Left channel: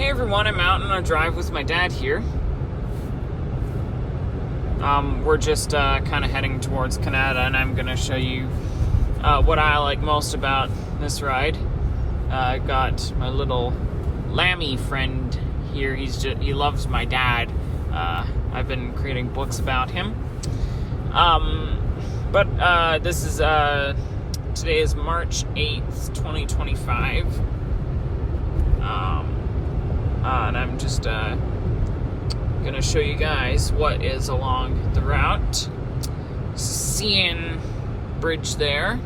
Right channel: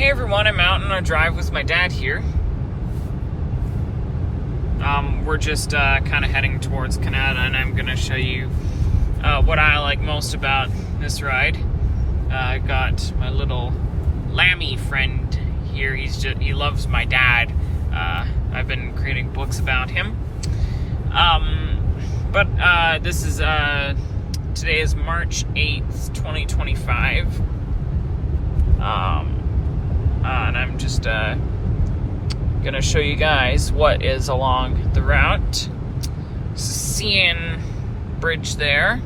Hey everyone, I'm out on a drive with my dad here. We're just kind of heading towards Canada, and I'm going to show you what I like most about this ride. I got my little Lammy friend here. He loves my dad. I've been creating books about him. This is today is March 8th, 2025. And I'm just gonna show you guys what is along the route. CN Bridge there.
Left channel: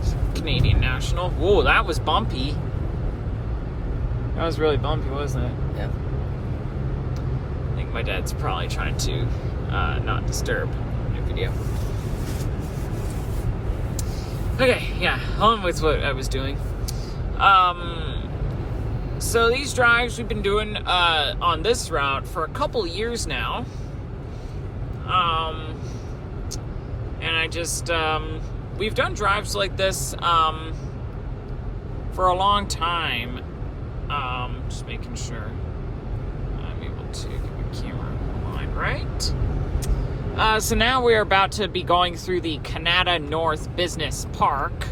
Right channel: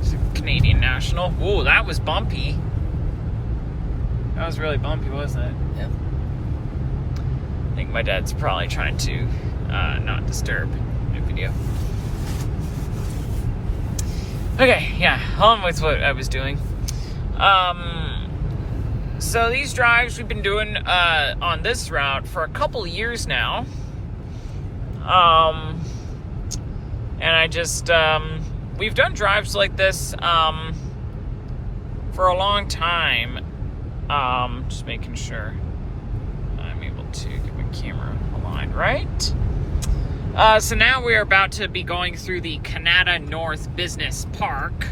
It's a Canadian National. Whoa, that was bumpy. That was really bumpy, wasn't it? Yeah. I think my dad's probably trying to not disturb the video. Okay, yeah, on with what I was doing. So these drives we've been doing on this route for a couple years now. And I just, we've done drives like this for a long time. Just making sure I'm able to get my camera aligned right. So now we're about to be going through the Canada North Business Park.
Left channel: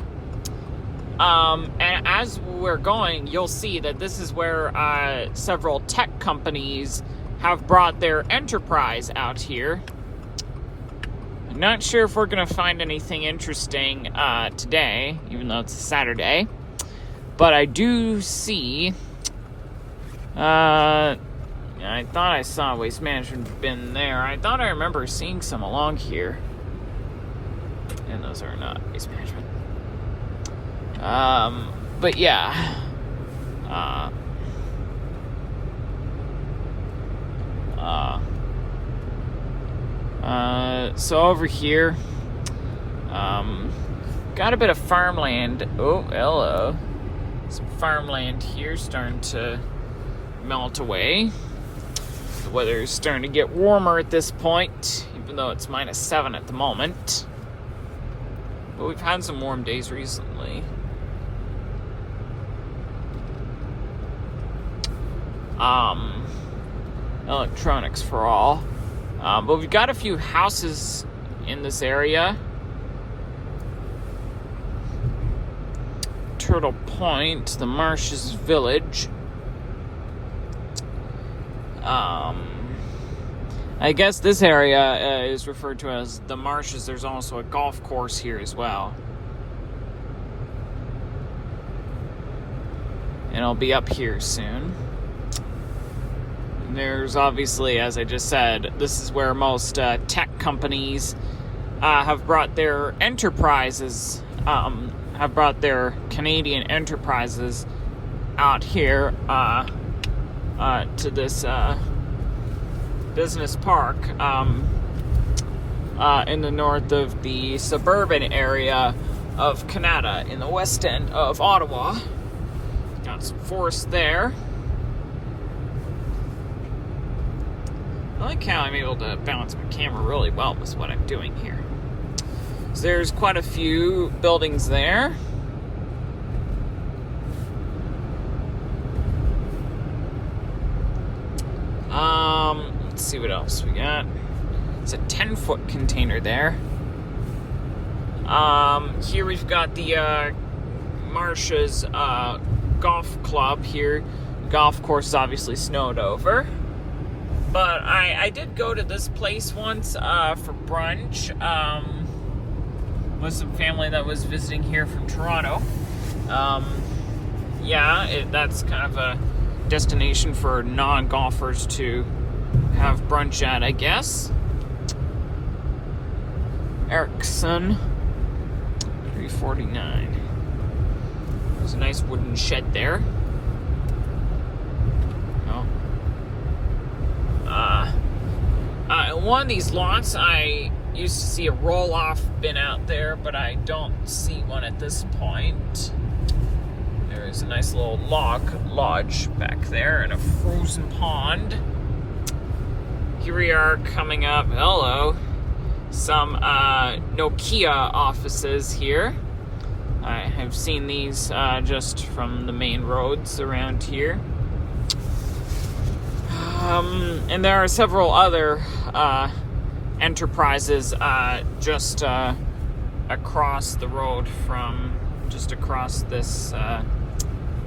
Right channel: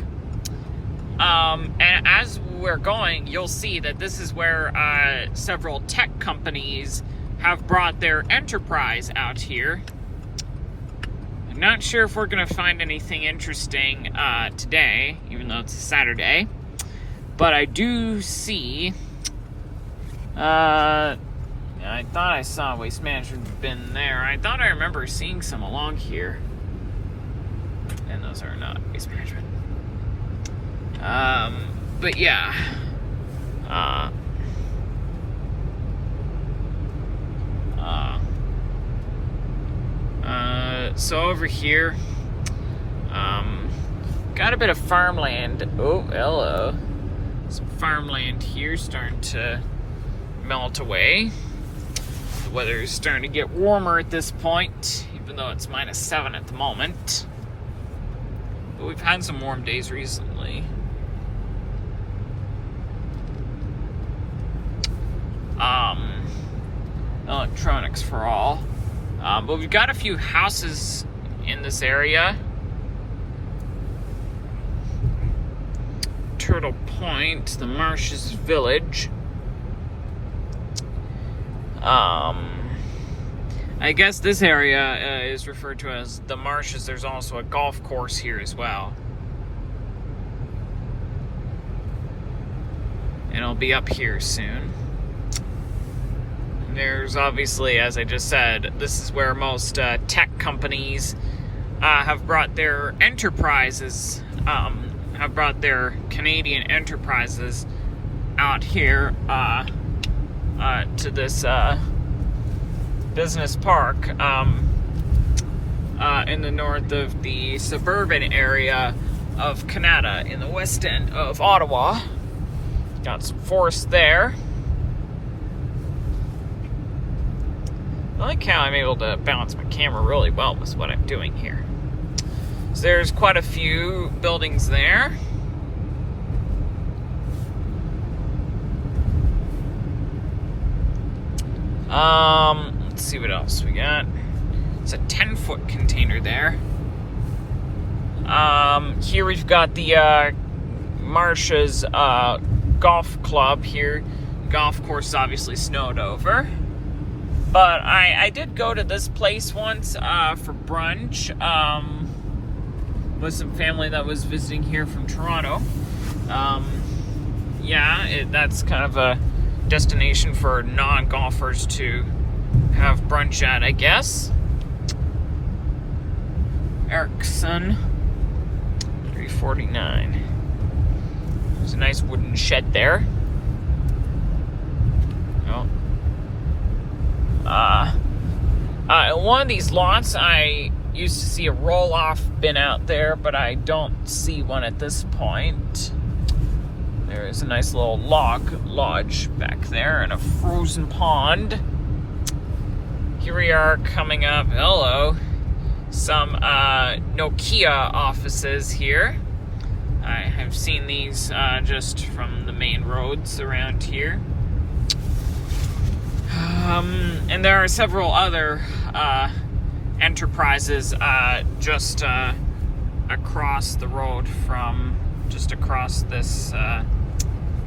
And as we're going, you'll see that this is where several tech companies have brought their enterprise out here. I'm not sure if we're going to find anything interesting today, even though it's a Saturday. But I do see... I thought I saw a Waste Management bin there. I thought I remember seeing some along here. And those are not Waste Management. But yeah, so over here, got a bit of farmland. Oh, hello. Some farmland here starting to melt away. The weather is starting to get warmer at this point, even though it's -7 at the moment. But we've had some warm days recently. Electronics for all. But we've got a few houses in this area. Turtle Point, the Marshes Village. I guess this area is referred to as the Marshes. There's also a golf course here as well. And I'll be up here soon. There's obviously, as I just said, this is where most tech companies have brought their enterprises, have brought their Canadian enterprises out here to this business park in the north of the suburban area of Canada, in the west end of Ottawa. Got some forest there. I like how I'm able to balance my camera really well with what I'm doing here. So there's quite a few buildings there. Let's see what else we got. It's a 10-foot container there. Here we've got the Marshes golf club here. Golf course is obviously snowed over. But I did go to this place once for brunch with some family that was visiting here from Toronto. That's kind of a destination for non-golfers to have brunch at, I guess. Erickson, 349. There's a nice wooden shed there. In one of these lots, I used to see a roll-off bin out there, but I don't see one at this point. There's a nice little lodge back there and a frozen pond. Here we are coming up. Hello. Some Nokia offices here. I have seen these just from the main roads around here. And there are several other enterprises just across the road from, just across this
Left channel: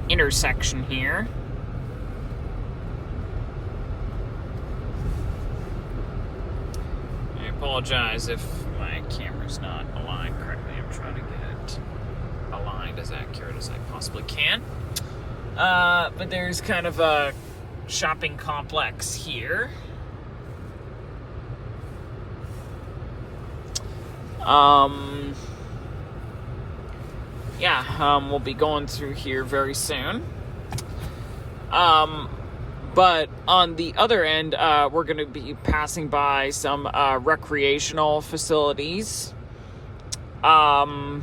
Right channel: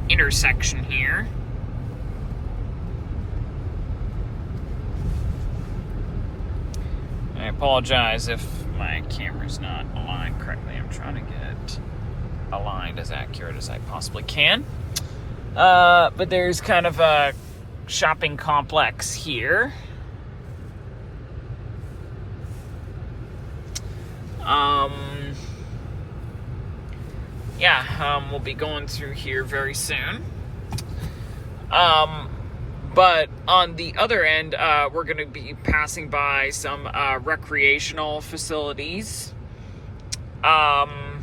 intersection here. I apologize if my camera's not aligned correctly. I'm trying to get aligned as accurate as I possibly can. But there's kind of a shopping complex here. We'll be going through here very soon. But on the other end, we're going to be passing by some recreational facilities. I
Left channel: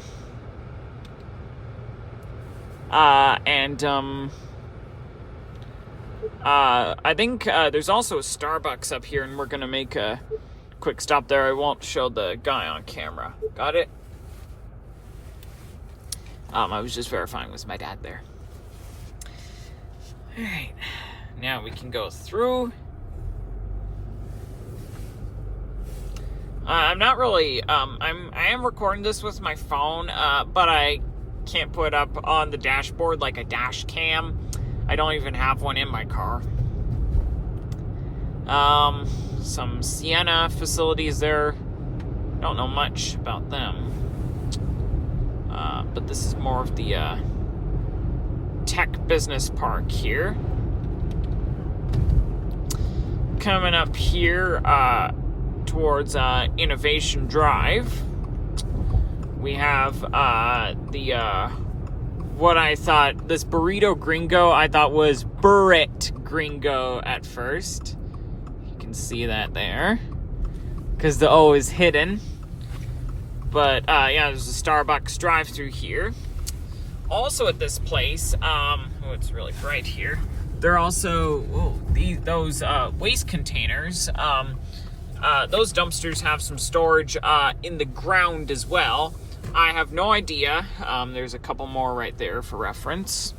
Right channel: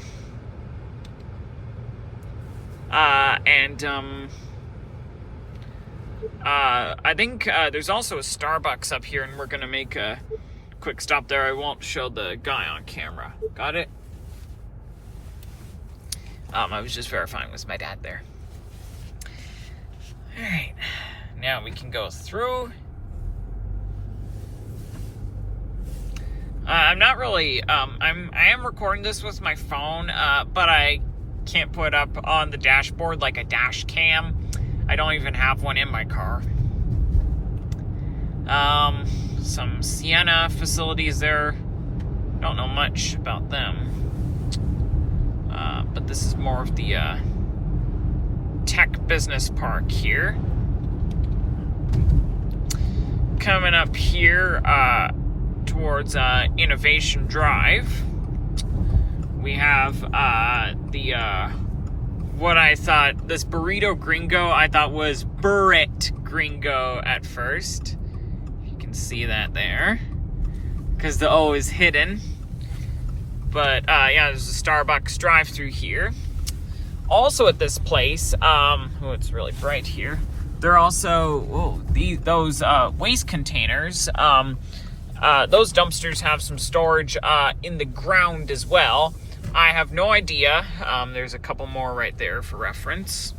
think there's also a Starbucks up here, and we're going to make a quick stop there. I won't show the guy on camera. Got it? I was just verifying with my dad there. All right. Now we can go through. I'm not really, I am recording this with my phone, but I can't put up on the dashboard like a dash cam. I don't even have one in my car. Some Sienna facilities there. Don't know much about them. But this is more of the, Tech Business Park here. Coming up here towards Innovation Drive, we have what I thought, this Burrito Gringo, I thought was Burrit Gringo at first. You can see that there, because the O is hidden. But there's a Starbucks drive-through here. Also at this place, it's really bright here. They're also, those waste containers, those dumpsters have some storage in the ground as well. I have no idea. There's a couple more right there for reference.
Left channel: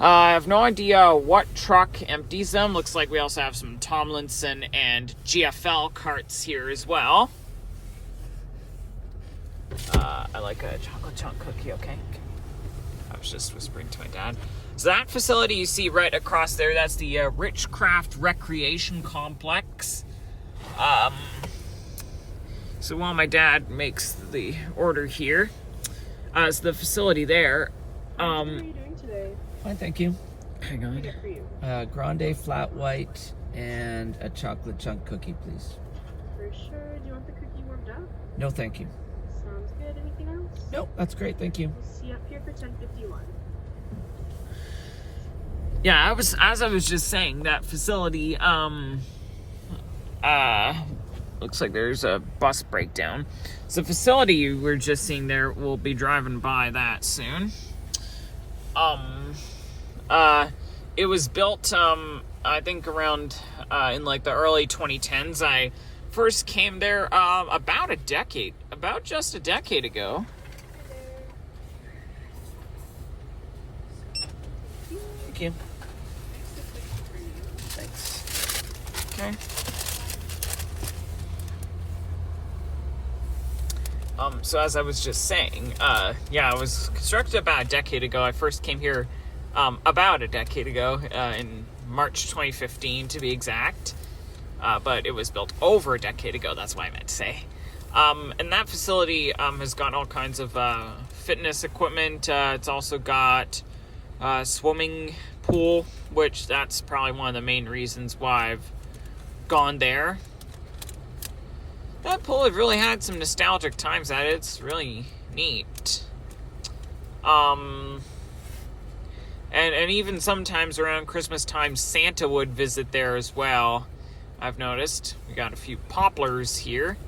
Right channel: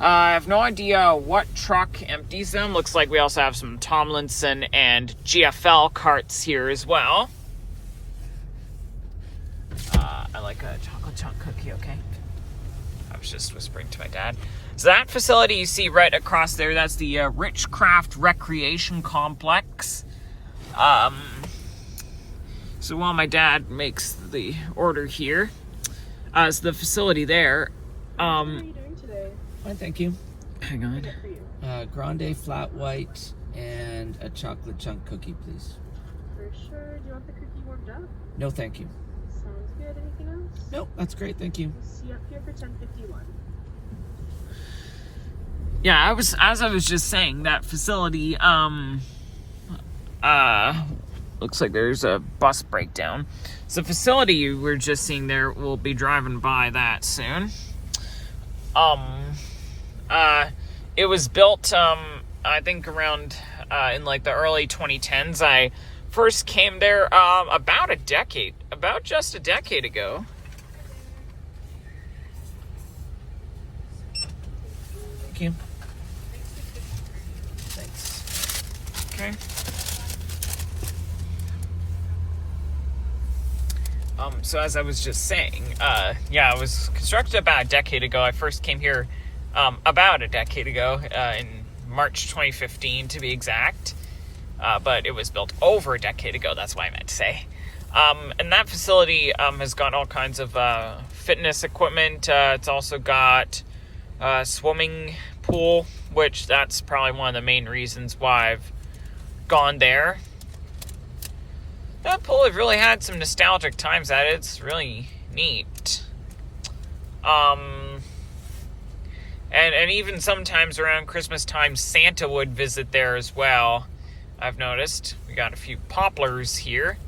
I have no idea what truck empties them. Looks like we also have some Tomlinson and GFL carts here as well. I like a chocolate chunk cookie, okay? I was just whispering to my dad. So that facility you see right across there, that's the Richcraft Recreation Complex. So while my dad makes the order here, so the facility there. What are you doing today? Fine, thank you. Hang on. For you. Grande flat white and a chocolate chunk cookie, please. For sure. Do you want the cookie warmed up? No, thank you. Sounds good. Anything else? Nope, that's great, thank you. We'll see you up here for 10:51. Yeah, as I was just saying, that facility, looks like there's a bus breakdown. So the facility you were just seeing there, we'll be driving by that soon. It was built, I think around, in like the early 2010s. I first came there, about just a decade ago. Thank you. Thanks. Okay. So as I was just saying, it was constructed about a decade ago. I first came here about a decade ago, in March 2015 to be exact. But it was built over a decade ago, that's what I meant to say. And that facility has got all kinds of fitness equipment. It's also got a swimming pool, which that's probably one of the main reasons why I've gone there. That pool, I've really had some nostalgic times at it. It's really neat. And even sometimes around Christmas time, Santa would visit there as well. I've noticed. We got a few poplars here.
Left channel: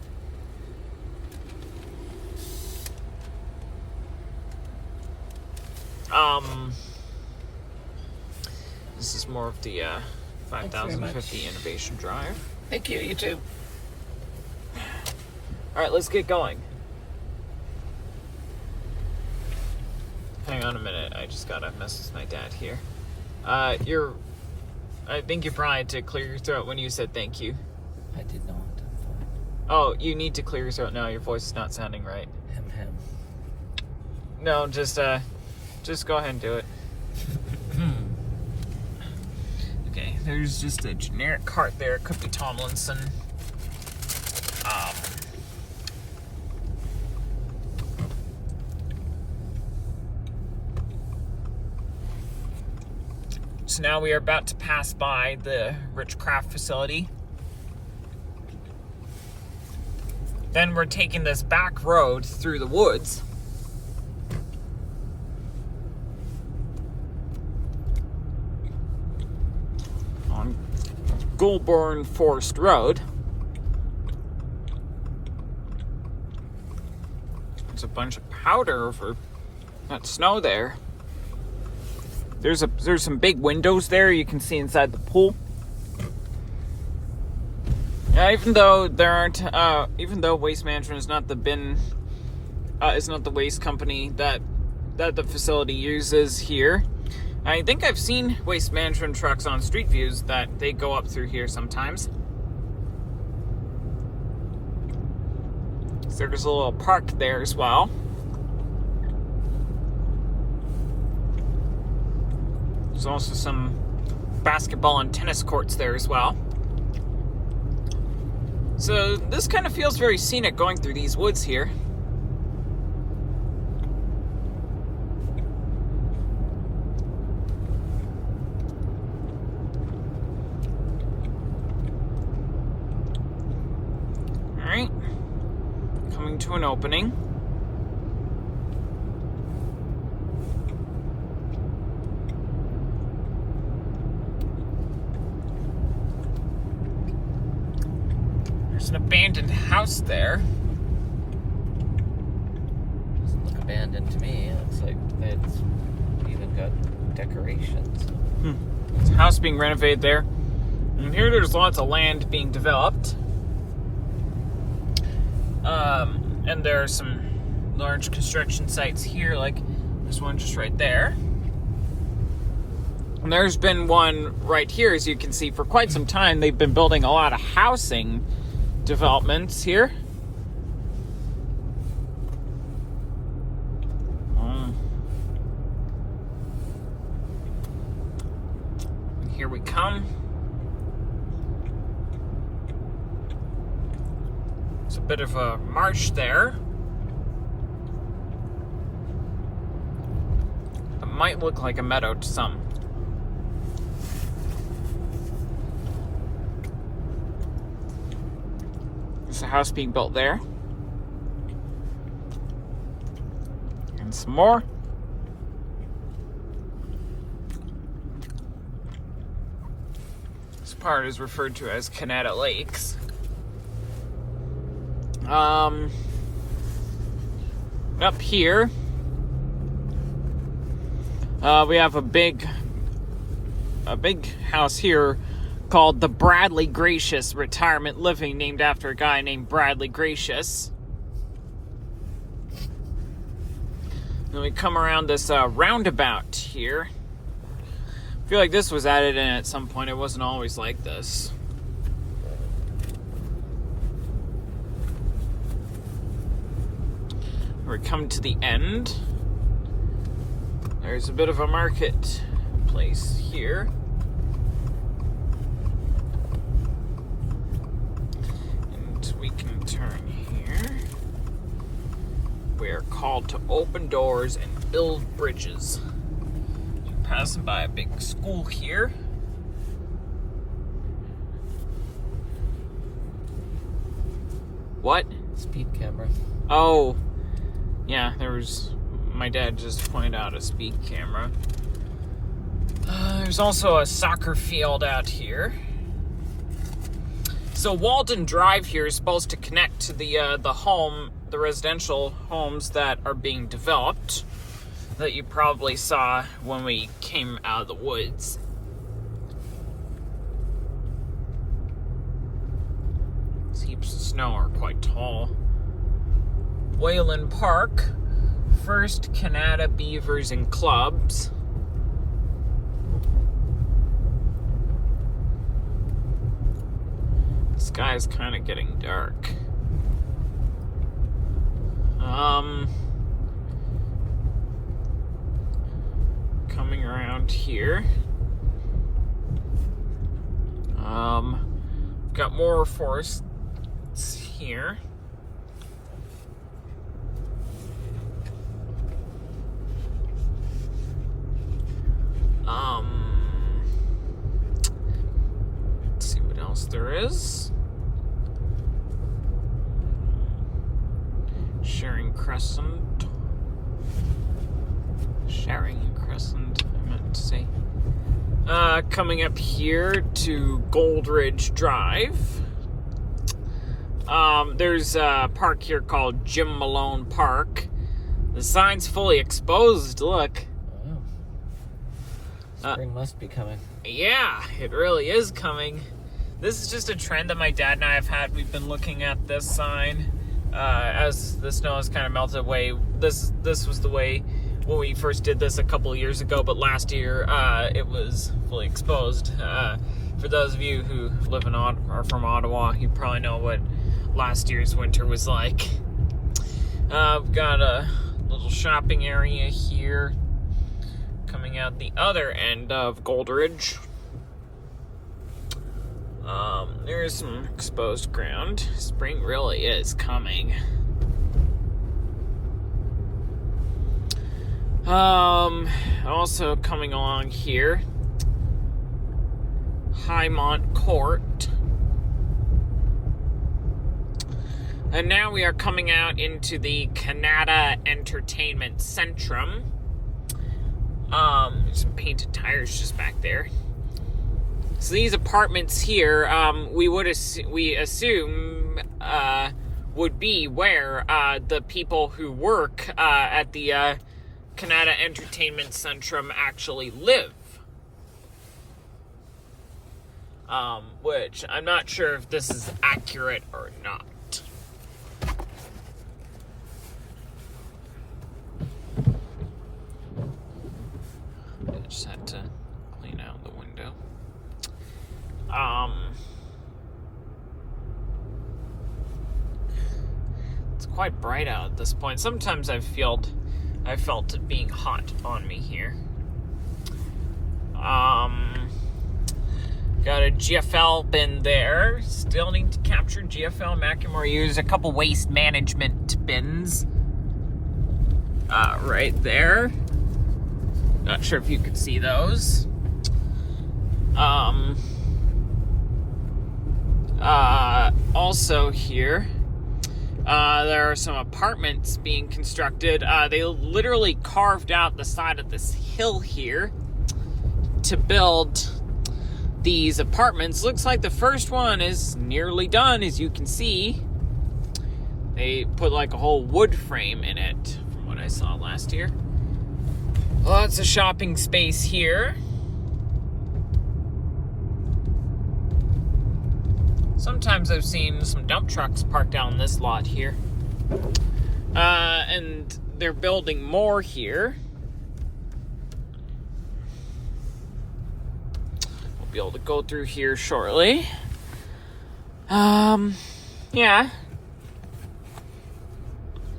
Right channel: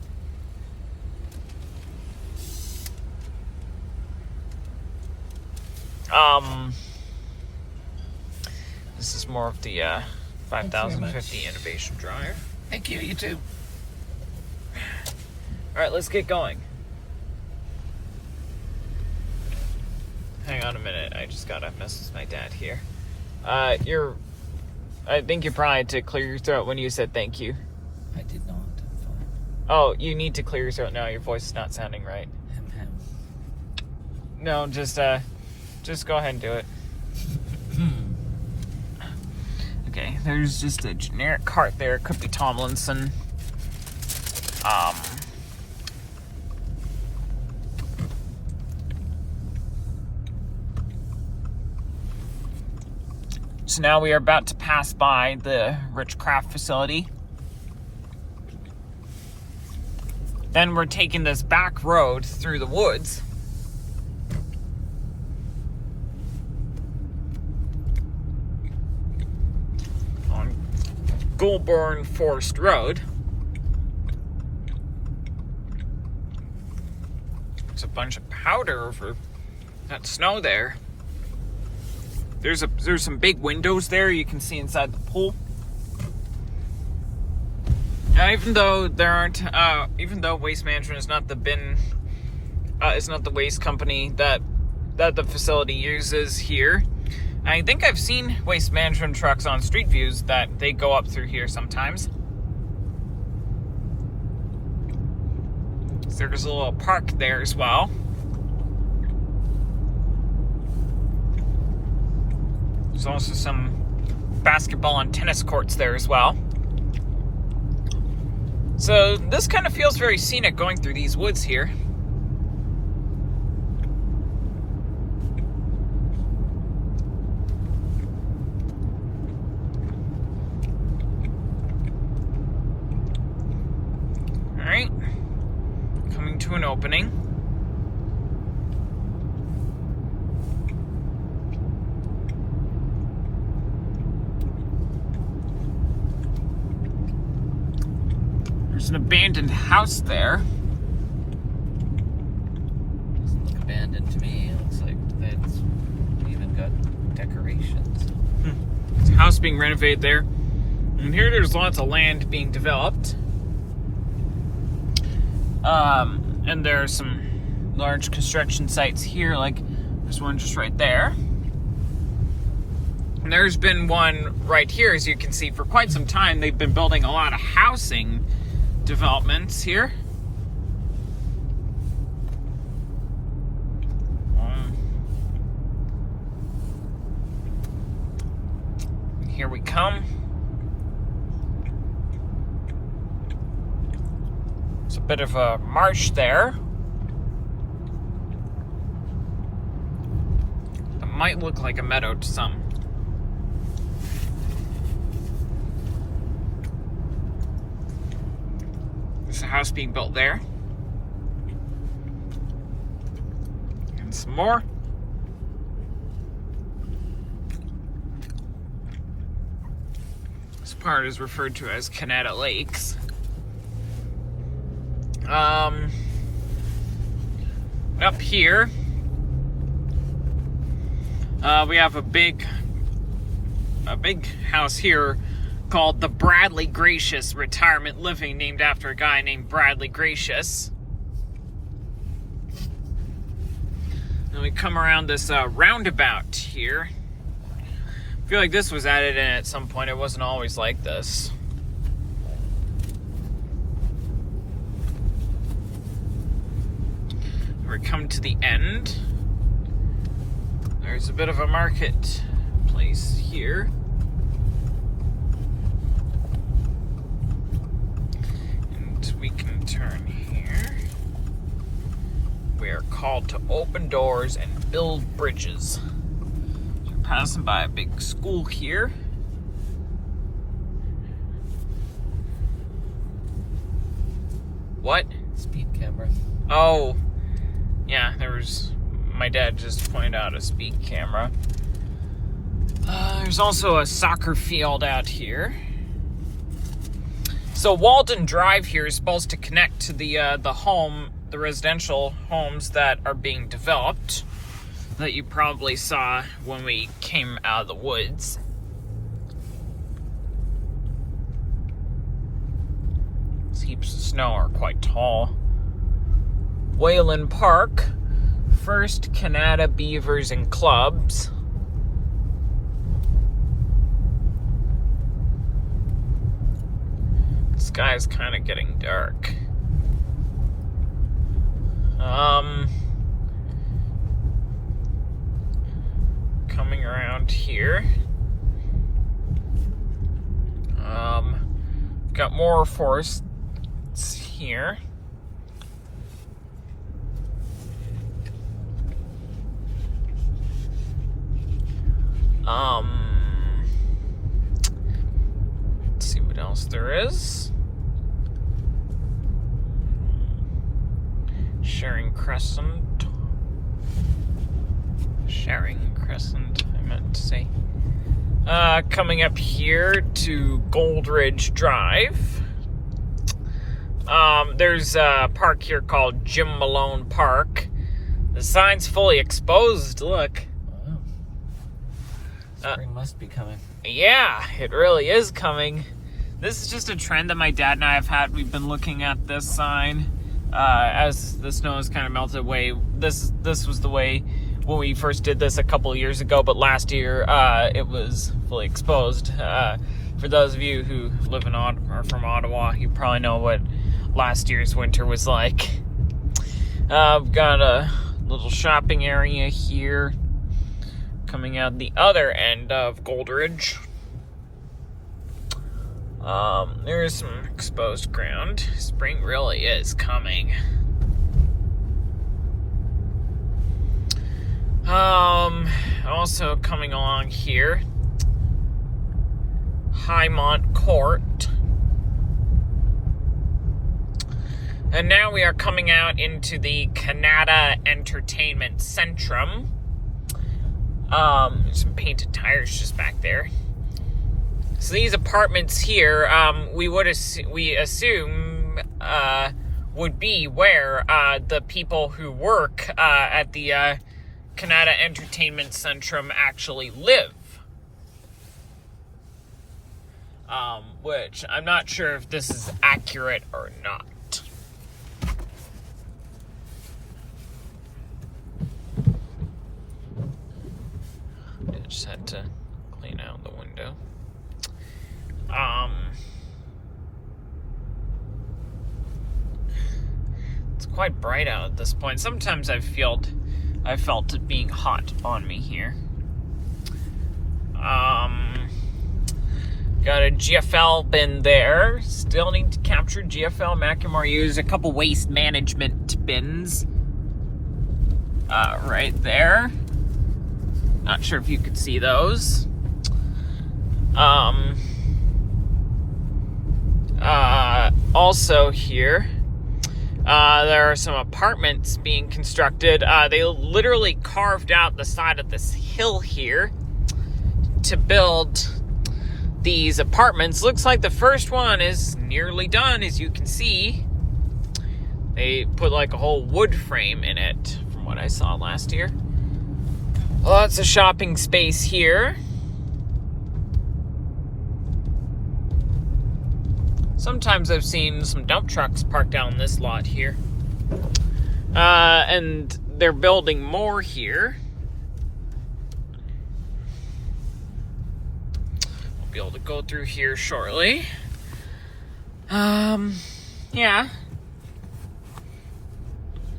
This is more of the 5050 Innovation Drive. Thank you, you too. All right, let's get going. hang on a minute. I just gotta message my dad here. I think you probably had to clear your throat when you said thank you. I did not. I'm fine. Oh, you need to clear your throat now. Your voice is not sounding right. Hem. No, just go ahead and do it. Okay, there's just a generic cart there. Could be Tomlinson. So now we are about to pass by the Rich Craft facility. Then we're taking this back road through the woods. On Goulburn Forest Road. There's a bunch of powder over that snow there. There's some big windows there you can see inside the pool. Now, even though Waste Management is not the waste company that the facility uses here, I think I've seen Waste Management trucks on street views that they go up through here sometimes. So there's a little park there as well. There's also some basketball and tennis courts there as well. So this kind of feels very scenic going through these woods here. All right, coming to an opening. There's an abandoned house there. Doesn't look abandoned to me. It looks like it's even got decorations. There's a house being renovated there. And here there's lots of land being developed. And there are some large construction sites here, like there's one just right there. And there's been one right here, as you can see, for quite some time. They've been building a lot of housing developments here. And here we come. It's a bit of a marsh there. It might look like a meadow to some. There's a house being built there. And some more. This part is referred to as Canada Lakes. Up here, we have a big house here called the Bradley Gracious Retirement Living, named after a guy named Bradley Gracious. Then we come around this roundabout here. I feel like this was added in at some point. It wasn't always like this. We come to the end. There's a bit of a market place here. And we can turn here. We are called to open doors and build bridges. You're passing by a big school here. What? Speed camera. Oh. Yeah, my dad just pointed out a speed camera. There's also a soccer field out here. So Walden Drive here is supposed to connect to the residential homes that are being developed, that you probably saw when we came out of the woods. These heaps of snow are quite tall. Wayland Park First Canada Beavers and Clubs. The sky's kind of getting dark. Coming around here. Got more forests here. Let's see what else there is. Sharing Crescent, I meant to say. Coming up here to Goldridge Drive. There's a park here called Jim Malone Park. The sign's fully exposed, look. Spring must be coming. Yeah, it really is coming. This is just a trend that my dad and I have had. We've been looking at this sign as the snow has kind of melted away. This was the way when we first did this a couple of years ago, but last year it was fully exposed. For those of you who live in are from Ottawa, you probably know what last year's winter was like. I've got a little shopping area here coming out the other end of Goldridge. There is some exposed ground. Spring really is coming. Also coming along here, Highmont Court. And now we are coming out into the Canada Entertainment Centrum. Some painted tires just back there. So these apartments here, we assume would be where the people who work at the Canada Entertainment Centrum actually live. Which I'm not sure if this is accurate or not. I just had to clean out the window. It's quite bright out at this point. Sometimes I felt it being hot on me here. Got a GFL bin there. Still need to capture GFL. Macklemore used a couple waste management bins. Right there. Not sure if you could see those. Also here, there are some apartments being constructed. They literally carved out the side of this hill here to build these apartments. Looks like the first one is nearly done, as you can see. They put like a whole wood frame in it, from what I saw last year. Lots of shopping space here. Sometimes I've seen some dump trucks parked down this lot here. And they're building more here. We'll be able to go through here shortly. Yeah.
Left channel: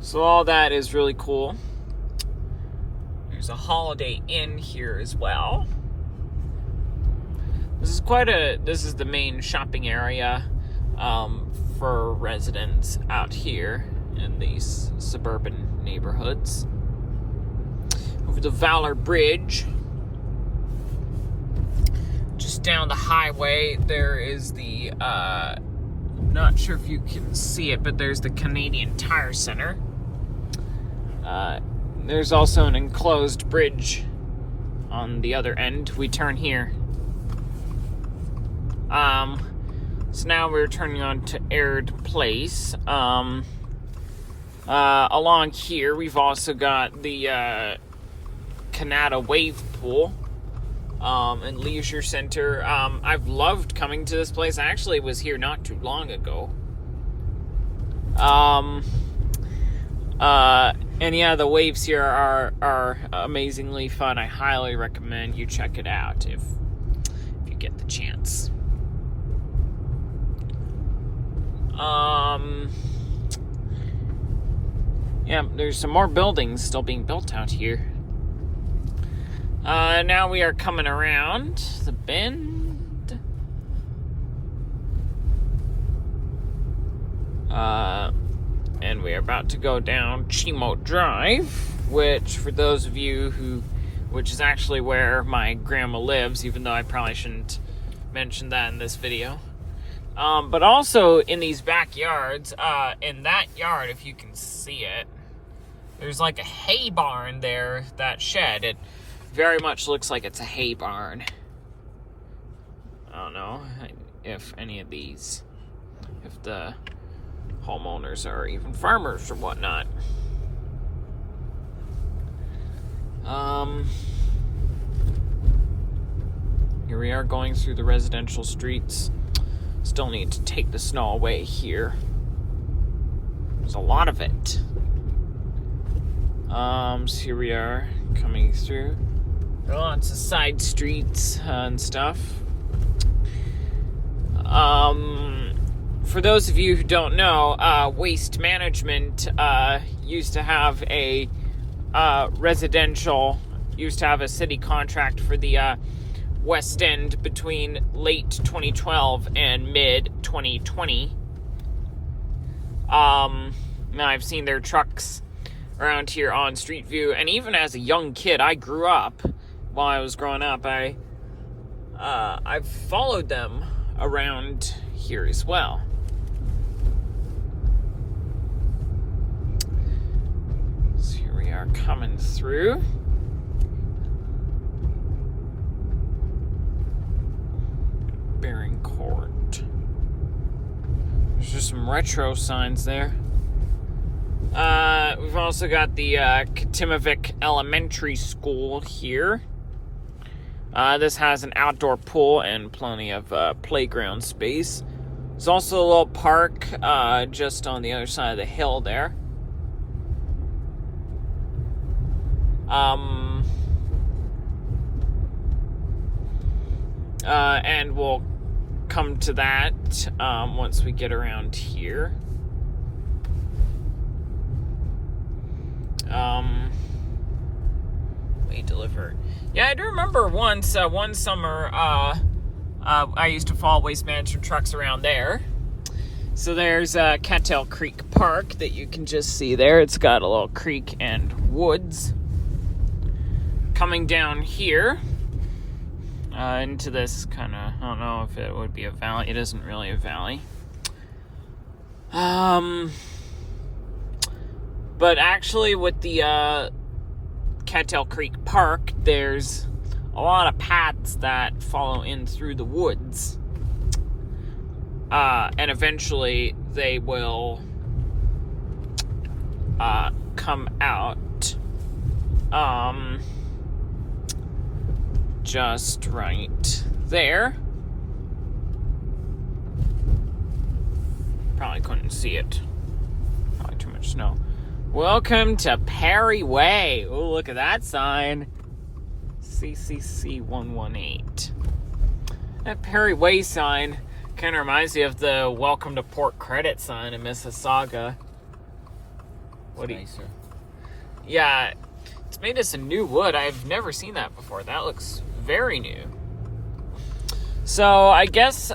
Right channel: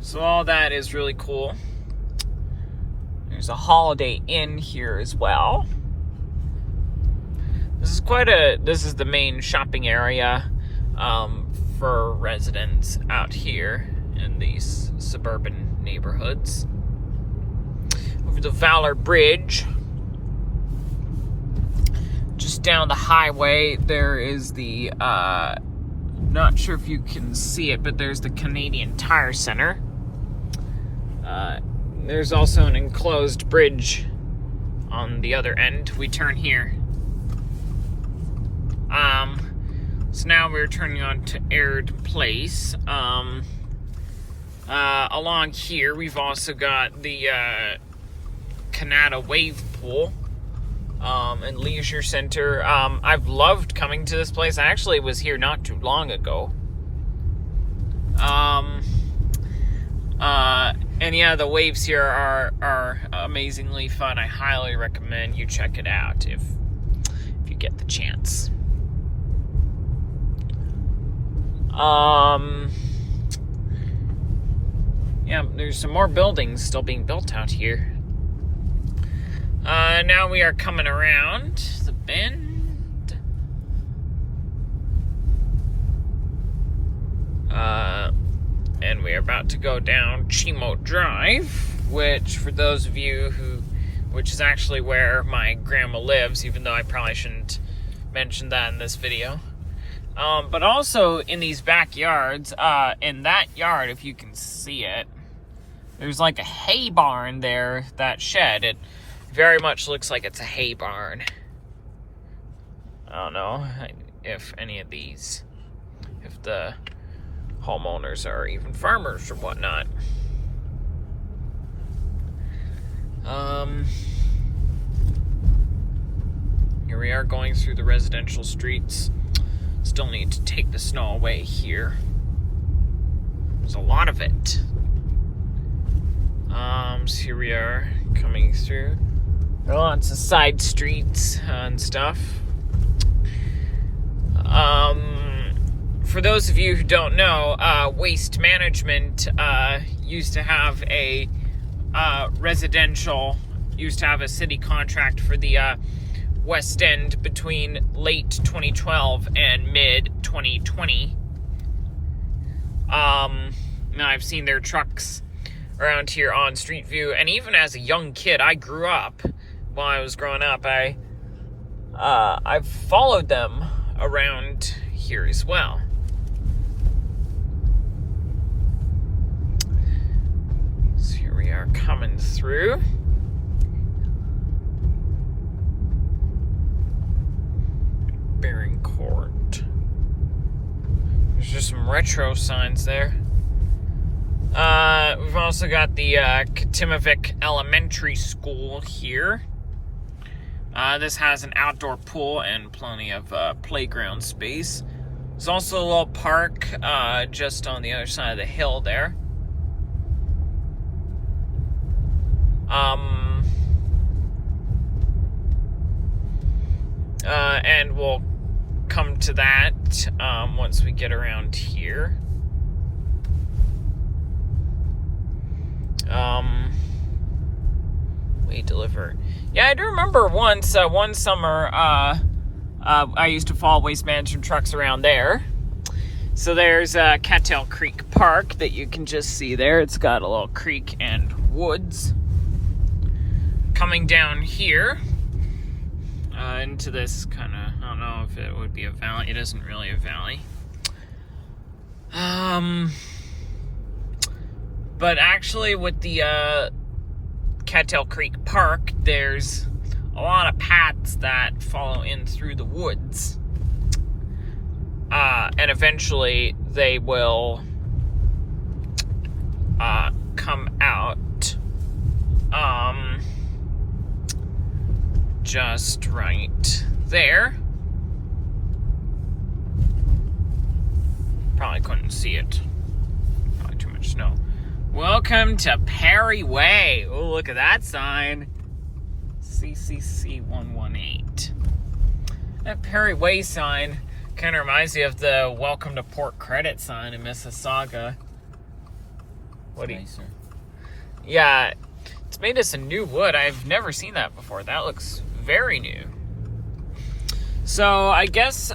So all that is really cool. There's a Holiday Inn here as well. This is the main shopping area for residents out here in these suburban neighborhoods. Over the Valor Bridge, just down the highway, there is the, not sure if you can see it, but there's the Canadian Tire Center. There's also an enclosed bridge on the other end. We turn here. So now we're turning on to Aird Place. Along here, we've also got the Canada Wave Pool and Leisure Center. I've loved coming to this place. I actually was here not too long ago. And yeah, the waves here are amazingly fun. I highly recommend you check it out if you get the chance. Yeah, there's some more buildings still being built out here. Now we are coming around the bend. And we are about to go down Chimo Drive, which for those of you which is actually where my grandma lives, even though I probably shouldn't mention that in this video. But also in these backyards, in that yard, if you can see it, there's like a hay barn there, that shed. It very much looks like it's a hay barn. I don't know if any of these, if the homeowners are even farmers or whatnot. Here we are going through the residential streets. Still need to take the snow away here. There's a lot of it. So here we are coming through. There are lots of side streets and stuff. For those of you who don't know, Waste Management used to have a city contract for the West End between late 2012 and mid 2020. Now I've seen their trucks around here on Street View, and even as a young kid, I grew up. While I was growing up, I've followed them around here as well. So here we are coming through. Bearing Court. There's just some retro signs there. We've also got the Katimavik Elementary School here. This has an outdoor pool and plenty of playground space. There's also a little park just on the other side of the hill there. And we'll come to that once we get around here. We deliver. Yeah, I do remember one summer, I used to follow Waste Management trucks around there. So there's Cattail Creek Park that you can just see there. It's got a little creek and woods. Coming down here, into this kind of, I don't know if it would be a valley. It isn't really a valley. But actually with the Cattail Creek Park, there's a lot of paths that follow in through the woods. And eventually they will come out just right there. Probably couldn't see it. Probably too much snow. Welcome to Perry Way. Oh, look at that sign. CCC 118. That Perry Way sign kind of reminds me of the Welcome to Port Credit sign in Mississauga. What do you... Yeah, it's made us in new wood. I've never seen that before. That looks very new. So I guess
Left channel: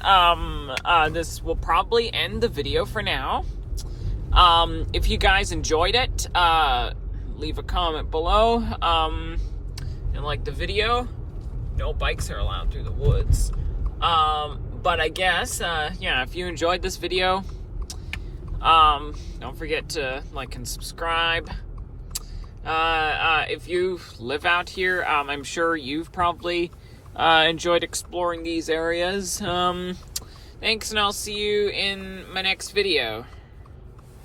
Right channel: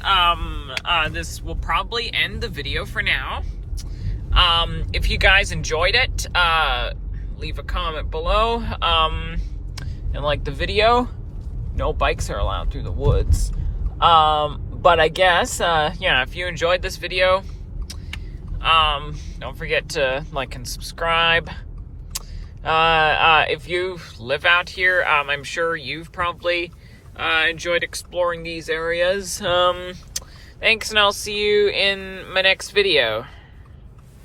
this will probably end the video for now. If you guys enjoyed it, leave a comment below, and like the video. No bikes are allowed through the woods. But I guess, yeah, if you enjoyed this video, don't forget to like and subscribe. If you live out here, I'm sure you've probably enjoyed exploring these areas. Thanks, and I'll see you in my next video.